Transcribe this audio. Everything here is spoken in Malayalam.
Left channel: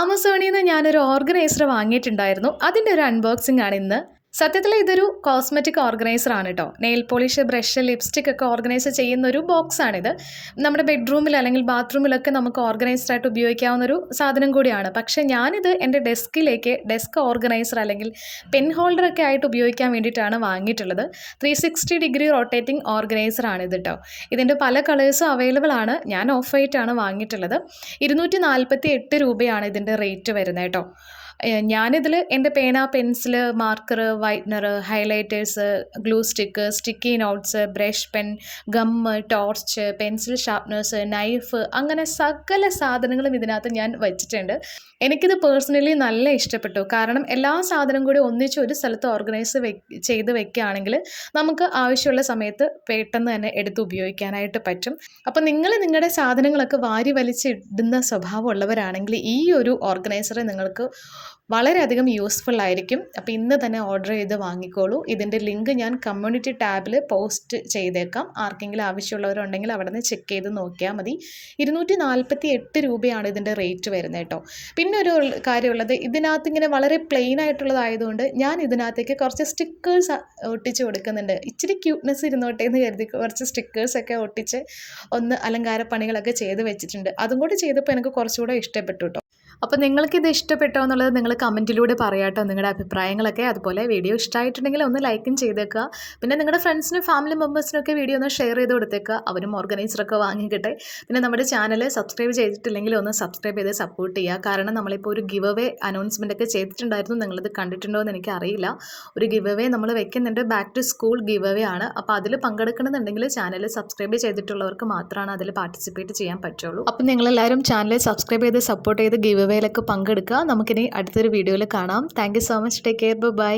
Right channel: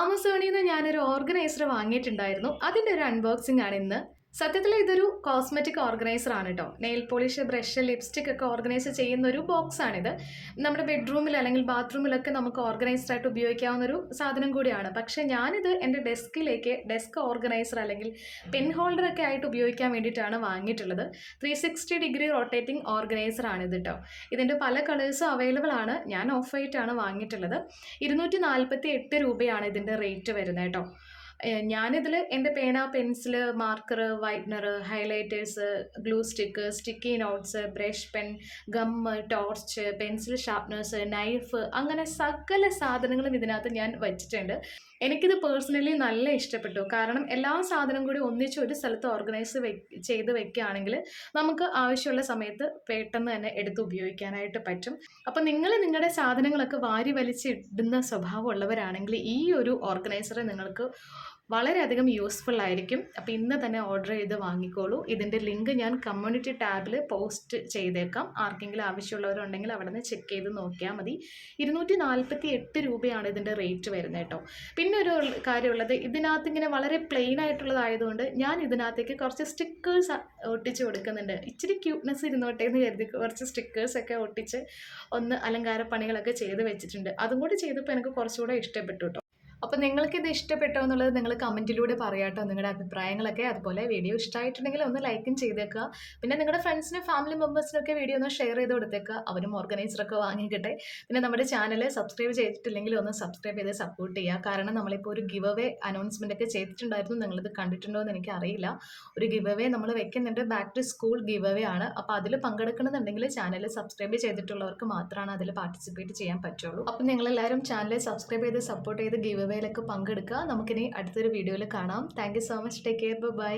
ആമസോണിൽ നിന്ന് ഞാനൊരു ഓർഗനൈസർ വാങ്ങിയിട്ടുണ്ടായിരുന്നു. അതിൻ്റെ ഒരു അൺബോക്സിംഗ് ആണ് ഇന്ന്. സത്യത്തിൽ ഇതൊരു കോസ്മെറ്റിക് ഓർഗനൈസർ ആണ് കേട്ടോ. നെയിൽ പോളിഷ്, ബ്രഷ്, ലിപ്സ്റ്റിക് ഒക്കെ ഓർഗനൈസ് ചെയ്യുന്ന ഒരു ബോക്സാണിത്. നമ്മുടെ ബെഡ്റൂമിൽ അല്ലെങ്കിൽ ബാത്റൂമിലൊക്കെ നമുക്ക് ഓർഗനൈസറായിട്ട് ഉപയോഗിക്കാവുന്ന ഒരു സാധനം കൂടിയാണ്. പക്ഷേ ഞാനിത് എൻ്റെ ഡെസ്ക് ഓർഗനൈസർ അല്ലെങ്കിൽ പെൻ ഹോൾഡറൊക്കെ ആയിട്ട് ഉപയോഗിക്കാൻ വേണ്ടിയിട്ടാണ് വാങ്ങിയിട്ടുള്ളത്. 360 ഡിഗ്രി റൊട്ടേറ്റിംഗ് ഓർഗനൈസർ ആണിത് കേട്ടോ. ഇതിൻ്റെ പല കളേഴ്സും അവൈലബിൾ ആണ്. ഞാൻ ഓഫ് വൈറ്റാണ് വാങ്ങിയിട്ടുള്ളത്. 248 രൂപയാണ് ഇതിൻ്റെ റേറ്റ് വരുന്നത് കേട്ടോ. ഞാനിതിൽ എൻ്റെ പേന, pencil, marker, whitener, highlighters, glue stick, sticky notes, brush pen, gum, torch, pencil sharpeners, knife, അങ്ങനെ സകല സാധനങ്ങളും ഇതിനകത്ത് ഞാൻ വച്ചിട്ടുണ്ട്. എനിക്കിത് പേഴ്സണലി നല്ല ഇഷ്ടപ്പെട്ടു. കാരണം എല്ലാ സാധനം കൂടി ഒന്നിച്ച് ഒരു സ്ഥലത്ത് ഓർഗനൈസ് ചെയ്ത് വെക്കുകയാണെങ്കിൽ നമുക്ക് ആവശ്യമുള്ള സമയത്ത് പെട്ടെന്ന് തന്നെ എടുത്ത് ഉപയോഗിക്കാനായിട്ട് പറ്റും. അപ്പോൾ നിങ്ങൾ നിങ്ങളുടെ സാധനങ്ങളൊക്കെ വാരി വലിച്ചിടുന്ന സ്വഭാവമുള്ളവരാണെങ്കിൽ ഈ ഒരു ഓർഗനൈസർ നിങ്ങൾക്ക് വളരെയധികം യൂസ്ഫുൾ ആയിരിക്കും. അപ്പോൾ ഇന്ന് തന്നെ ഓർഡർ ചെയ്ത് വാങ്ങിക്കോളൂ. ഇതിൻ്റെ ലിങ്ക് ഞാൻ കമ്മ്യൂണിറ്റി ടാബിൽ പോസ്റ്റ് ചെയ്തേക്കാം. ആർക്കെങ്കിലും ആവശ്യമുള്ളവരുണ്ടെങ്കിൽ അവിടെ നിന്ന് ചെക്ക് ചെയ്ത് നോക്കിയാൽ മതി. 248 രൂപയാണ് ഇതിൻ്റെ റേറ്റ് വരുന്നത് കേട്ടോ. പിന്നെ ഒരു കാര്യമുള്ളത്, ഇതിനകത്ത് ഇങ്ങനെ വളരെ പ്ലെയിൻ ആയിട്ടുള്ളതായതുകൊണ്ട് ഞാൻ ഇതിനകത്തേക്ക് കുറച്ച് സ്റ്റിക്കേഴ്സ് ഒട്ടിച്ച് കൊടുക്കുന്നുണ്ട്. ഇച്ചിരി ക്യൂട്ട്നെസ് ഇരുന്നോട്ടെ എന്ന് കരുതി കുറച്ച് സ്റ്റിക്കേഴ്സൊക്കെ ഒട്ടിച്ച് ഒന്ന് അലങ്കാര പണികളൊക്കെ ചെയ്ത് വെച്ചിട്ടുണ്ട്. അതും കൂടി ചെയ്തപ്പോൾ എനിക്ക് കുറച്ചുകൂടെ ഇഷ്ടപ്പെട്ടു കേട്ടോ. അപ്പോൾ നിങ്ങൾക്കിത് ഇഷ്ടപ്പെട്ടോ എന്നുള്ളത് നിങ്ങൾ കമൻറ്റിലൂടെ പറയാട്ടോ, നിങ്ങളുടെ അഭിപ്രായങ്ങളൊക്കെ. അതുപോലെ വീഡിയോ ഇഷ്ടമായിട്ടുണ്ടെങ്കിൽ ഒന്ന് ലൈക്കും ചെയ്തേക്കുക. പിന്നെ നിങ്ങളുടെ ഫ്രണ്ട്സിനും ഫാമിലി മെമ്പേഴ്സിനൊക്കെ വീഡിയോ ഒന്ന് ഷെയർ ചെയ്ത് കൊടുത്തേക്കുക. അവരും ഓർഗനൈസറൊക്കെ വാങ്ങിക്കട്ടെ. പിന്നെ നമ്മുടെ ചാനൽ സബ്സ്ക്രൈബ് ചെയ്തിട്ടില്ലെങ്കിൽ ഒന്ന് സബ്സ്ക്രൈബ് ചെയ്ത് സപ്പോർട്ട് ചെയ്യുക. കാരണം നമ്മളിപ്പോൾ ഒരു ഗിവ് അവേ അനൗൺസ്മെൻ്റ് ഒക്കെ ചെയ്തിട്ടുണ്ടായിരുന്നു. നിങ്ങളിത് കണ്ടിട്ടുണ്ടോ എന്ന് എനിക്കറിയില്ല. ഒരു ഗിവ് അവേ നമ്മൾ വെക്കുന്നുണ്ട്. Back to school give away ആണ്. അപ്പോൾ അതിൽ പങ്കെടുക്കണമെന്നുണ്ടെങ്കിൽ ചാനൽ സബ്സ്ക്രൈബ് ചെയ്തിട്ടുള്ളവർക്ക് മാത്രമാണ് അതിൽ പാർട്ടിസിപ്പേറ്റ് ചെയ്യാൻ പറ്റുള്ളൂ. അപ്പോൾ നിങ്ങളെല്ലാവരും ചാനൽ സബ്സ്ക്രൈബ് ചെയ്ത് സപ്പോർട്ട് ചെയ്ത് ഗിവ് അവയിലൊക്കെ പങ്കെടുക്കുക. നമുക്കിനി അടുത്തൊരു വീഡിയോയിൽ കാണാം. Thank you so much. Take care. By.